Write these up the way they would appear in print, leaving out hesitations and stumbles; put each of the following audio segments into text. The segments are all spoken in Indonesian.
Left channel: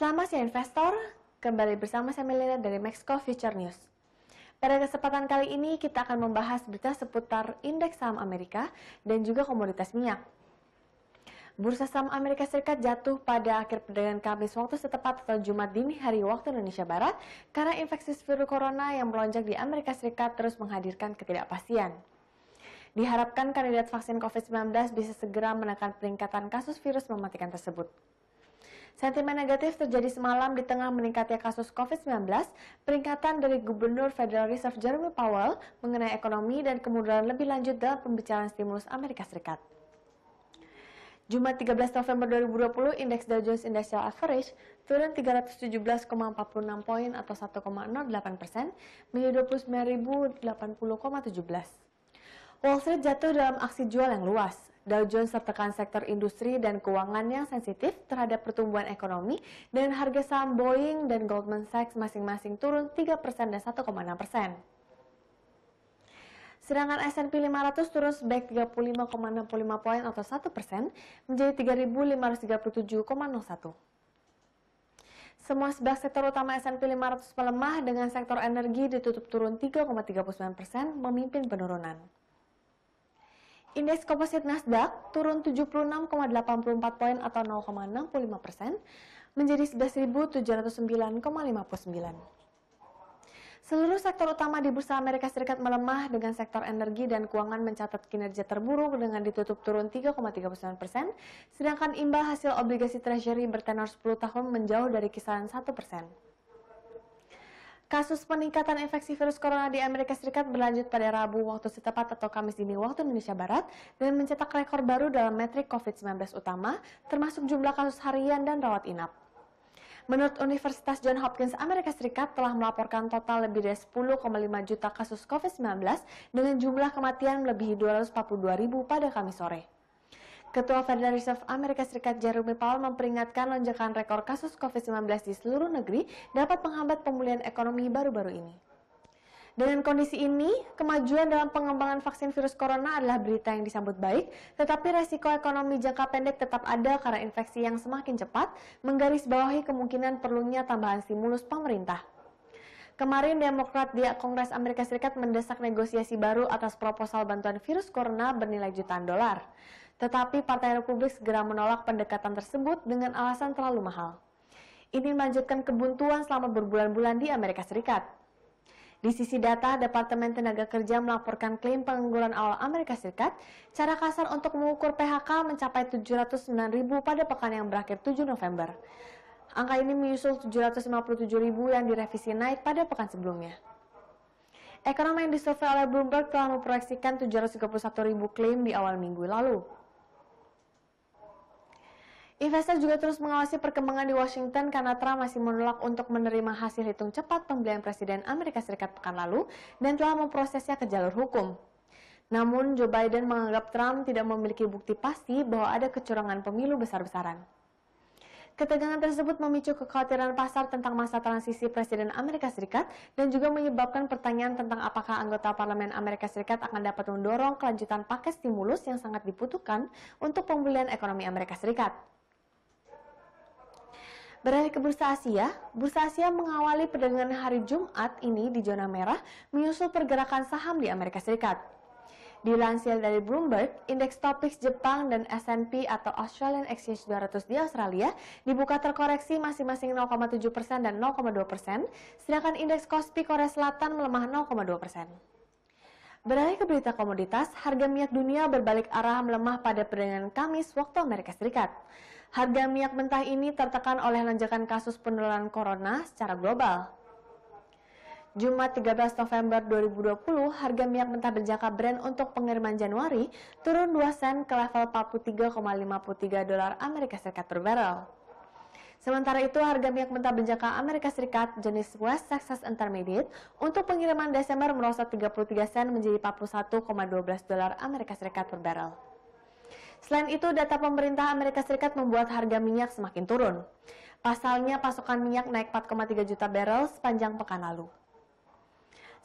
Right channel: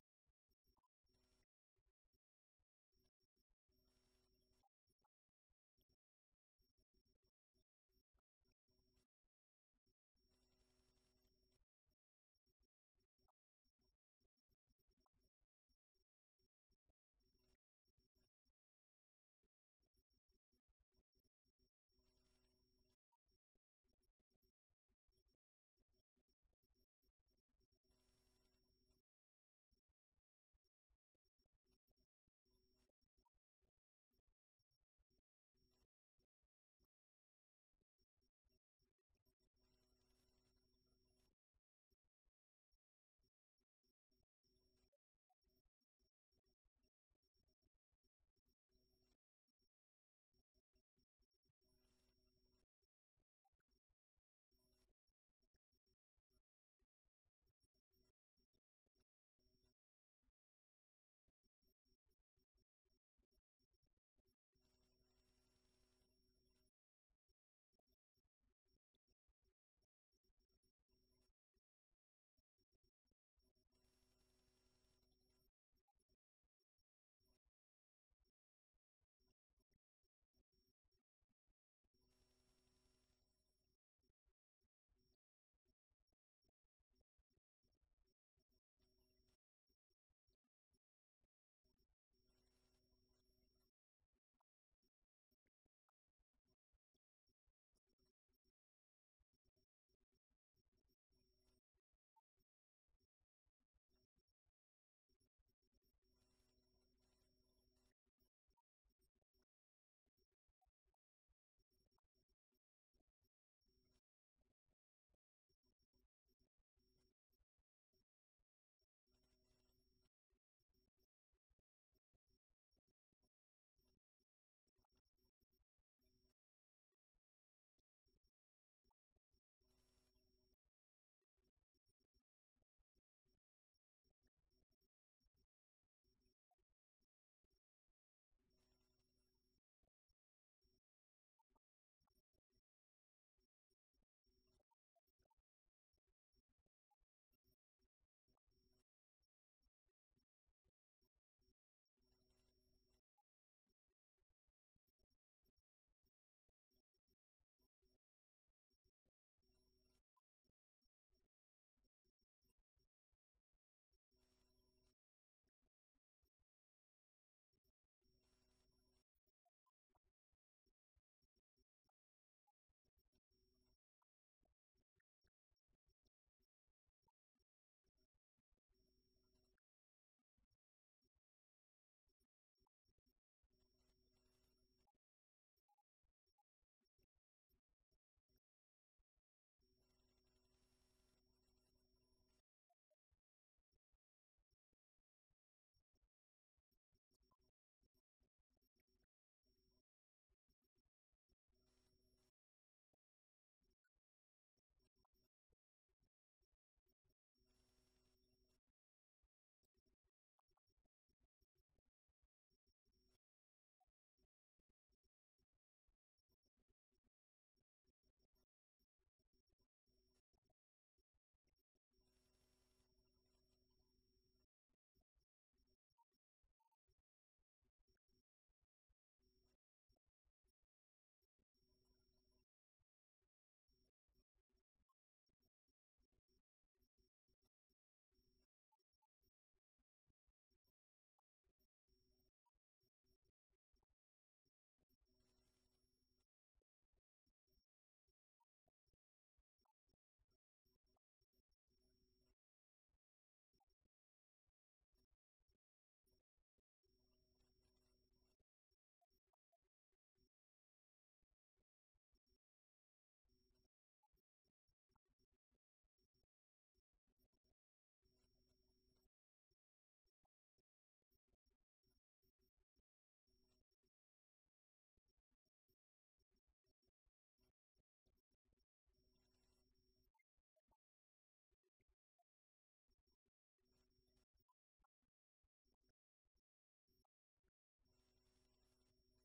Selamat siang investor, kembali bersama saya Melina dari Maxco Future News. Pada kesempatan kali ini kita akan membahas berita seputar indeks saham Amerika dan juga komoditas minyak. Bursa saham Amerika Serikat jatuh pada akhir perdagangan Kamis waktu setempat atau Jumat dini hari waktu Indonesia Barat karena infeksi virus corona yang melonjak di Amerika Serikat terus menghadirkan ketidakpastian. Diharapkan kandidat vaksin COVID-19 bisa segera menekan peningkatan kasus virus mematikan tersebut. Sentimen negatif terjadi semalam di tengah meningkatnya kasus COVID-19, peringatan dari Gubernur Federal Reserve Jerome Powell mengenai ekonomi dan kemunduran lebih lanjut dalam pembicaraan stimulus Amerika Serikat. Jumat 13 November 2020, indeks Dow Jones Industrial Average turun 317,46 poin atau 1,08% menjadi 29.080,17. Wall Street jatuh dalam aksi jual yang luas. Dow Jones tertekan sektor industri dan keuangan yang sensitif terhadap pertumbuhan ekonomi dan harga saham Boeing dan Goldman Sachs masing-masing turun 3% dan 1,6%. Sedangkan S&P 500 turun sebaik 35,65 poin atau 1% menjadi 3.537,01. Semua 11 sektor utama S&P 500 melemah dengan sektor energi ditutup turun 3,39% memimpin penurunan. Indeks komposit Nasdaq turun 76,84 poin atau 0,65% menjadi 11.709,59. Seluruh sektor utama di Bursa Amerika Serikat melemah dengan sektor energi dan keuangan mencatat kinerja terburuk dengan ditutup turun 3,39%, sedangkan imbal hasil obligasi treasury bertenor 10 tahun menjauh dari kisaran 1%. Kasus peningkatan infeksi virus corona di Amerika Serikat berlanjut pada Rabu waktu setempat atau Kamis dini waktu Indonesia Barat dan mencetak rekor baru dalam metrik COVID-19 utama, termasuk jumlah kasus harian dan rawat inap. Menurut Universitas Johns Hopkins Amerika Serikat telah melaporkan total lebih dari 10,5 juta kasus COVID-19 dengan jumlah kematian melebihi 242.000 pada Kamis sore. Ketua Federal Reserve Amerika Serikat Jerome Powell memperingatkan lonjakan rekor kasus COVID-19 di seluruh negeri dapat menghambat pemulihan ekonomi baru-baru ini. Dengan kondisi ini, kemajuan dalam pengembangan vaksin virus corona adalah berita yang disambut baik, tetapi resiko ekonomi jangka pendek tetap ada karena infeksi yang semakin cepat, menggarisbawahi kemungkinan perlunya tambahan stimulus pemerintah. Kemarin, Demokrat di Kongres Amerika Serikat mendesak negosiasi baru atas proposal bantuan virus corona bernilai jutaan dolar. Tetapi Partai Republik segera menolak pendekatan tersebut dengan alasan terlalu mahal. Ini melanjutkan kebuntuan selama berbulan-bulan di Amerika Serikat. Di sisi data, Departemen Tenaga Kerja melaporkan klaim pengangguran awal Amerika Serikat, cara kasar untuk mengukur PHK mencapai 709.000 pada pekan yang berakhir 7 November. Angka ini menyusul 757.000 yang direvisi naik pada pekan sebelumnya. Ekonom yang disurvei oleh Bloomberg telah memproyeksikan 731.000 klaim di awal minggu lalu. Investor juga terus mengawasi perkembangan di Washington karena Trump masih menolak untuk menerima hasil hitung cepat pembelian Presiden Amerika Serikat pekan lalu dan telah memprosesnya ke jalur hukum. Namun, Joe Biden menganggap Trump tidak memiliki bukti pasti bahwa ada kecurangan pemilu besar-besaran. Ketegangan tersebut memicu kekhawatiran pasar tentang masa transisi Presiden Amerika Serikat dan juga menyebabkan pertanyaan tentang apakah anggota Parlemen Amerika Serikat akan dapat mendorong kelanjutan paket stimulus yang sangat dibutuhkan untuk pemulihan ekonomi Amerika Serikat. Beralih ke Bursa Asia mengawali perdagangan hari Jumat ini di zona merah menyusul pergerakan saham di Amerika Serikat. Dilansir dari Bloomberg, indeks Topix Jepang dan S&P atau Australian Exchange 200 di Australia dibuka terkoreksi masing-masing 0,7% dan 0,2%, sedangkan indeks Kospi Korea Selatan melemah 0,2%. Beralih ke berita komoditas, harga minyak dunia berbalik arah melemah pada perdagangan Kamis waktu Amerika Serikat. Harga minyak mentah ini tertekan oleh lonjakan kasus penularan corona secara global. Jumat 13 November 2020, harga minyak mentah berjangka Brent untuk pengiriman Januari turun 2 sen ke level 43,53 dolar Amerika Serikat per barrel. Sementara itu, harga minyak mentah berjangka Amerika Serikat jenis West Texas Intermediate untuk pengiriman Desember merosot 33 sen menjadi 41,12 dolar Amerika Serikat per barrel. Selain itu, data pemerintah Amerika Serikat membuat harga minyak semakin turun. Pasalnya, pasokan minyak naik 4,3 juta barrel sepanjang pekan lalu.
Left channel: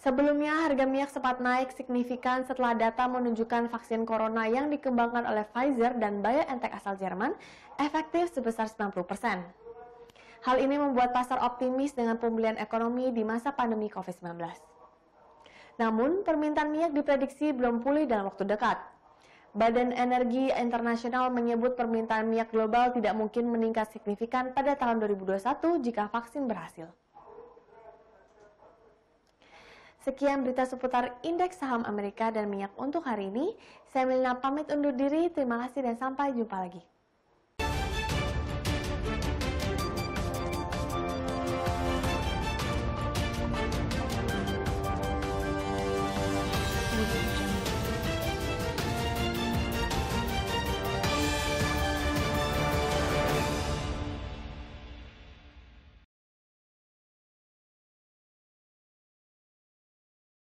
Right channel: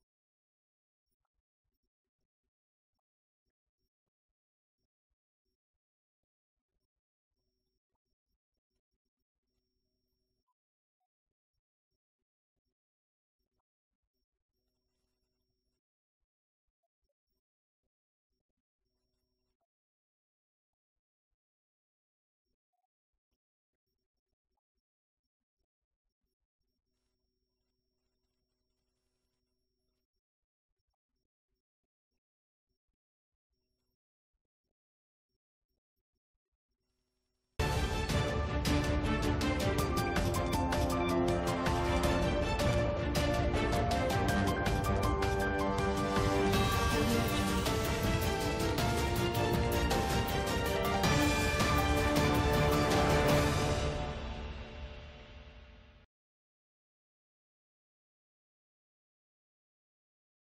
Sebelumnya, harga minyak sempat naik signifikan setelah data menunjukkan vaksin corona yang dikembangkan oleh Pfizer dan BioNTech asal Jerman efektif sebesar 90%. Hal ini membuat pasar optimis dengan pemulihan ekonomi di masa pandemi COVID-19. Namun, permintaan minyak diprediksi belum pulih dalam waktu dekat. Badan Energi Internasional menyebut permintaan minyak global tidak mungkin meningkat signifikan pada tahun 2021 jika vaksin berhasil. Sekian berita seputar indeks saham Amerika dan minyak untuk hari ini. Saya Melina pamit undur diri, terima kasih dan sampai jumpa lagi.